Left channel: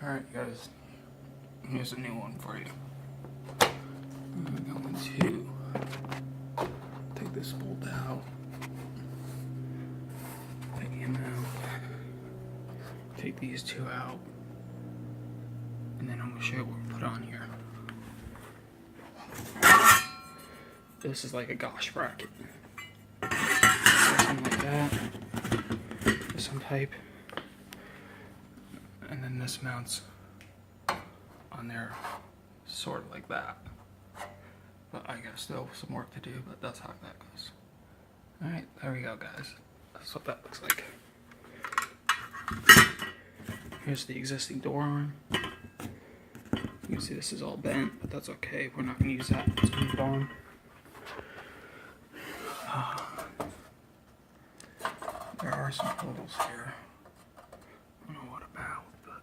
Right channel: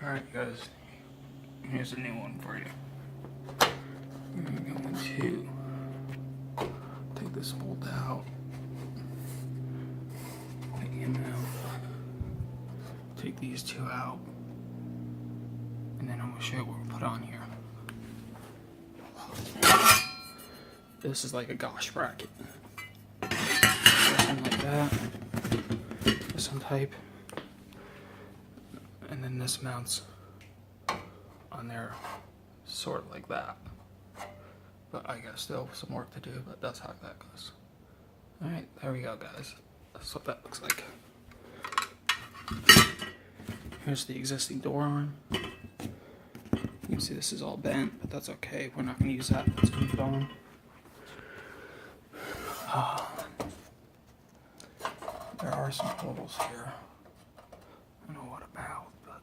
Alright guys, here's a new one for you. I'm going to take this bolt out, take him out, take these two out, and then I'm going to show you what we put on here. This is like a gosh bracket. Something like that, with some pipe, and then this mounts on there sort of like that. But I got still some work to do, but that's how that goes. Alright, there we go guys. That's what that looks like. Here's the existing door arm. You can see this is all bent, but that's okay. We're not going to use that. Let's move it on. There are some holes here. I don't know what about, but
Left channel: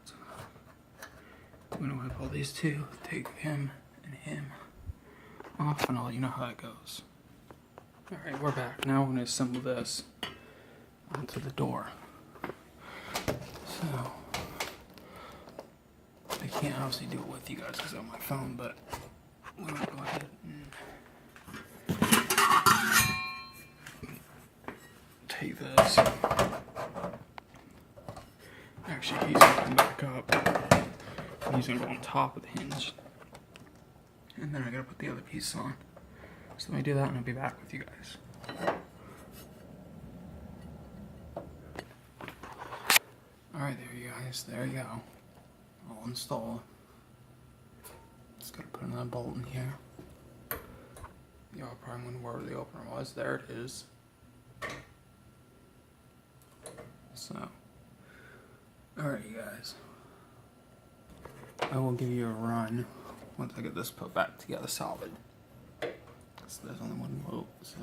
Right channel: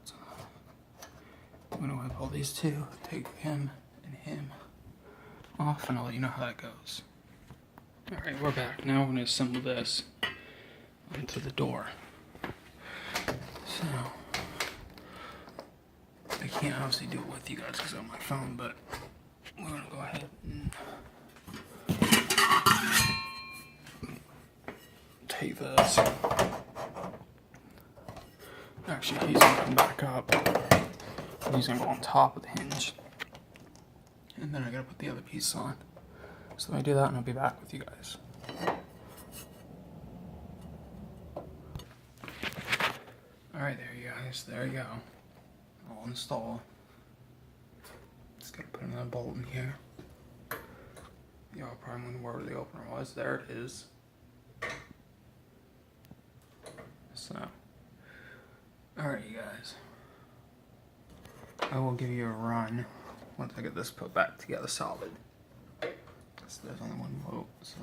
I'm going to wipe all these two, take him and him off, and I'll let you know how that goes. Alright, we're back. Now we're going to assemble this onto the door. So, I can't obviously do it with you guys because I'm on my phone, but we're going to go ahead and take this. Actually, he's going to come back up. He's going to go on top of the hinge. And then I got to put the other piece on. So let me do that and I'll be back with you guys. Alright, there you guys. There you go. All installed. Just got to put another bolt in here. Y'all probably wondering where the opener was. There it is. So, alright you guys, I will give you a run once I get this put back together solid. There's only one bolt, so.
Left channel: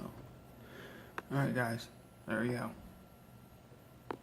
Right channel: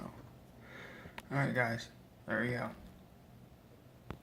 Alright guys, there you go.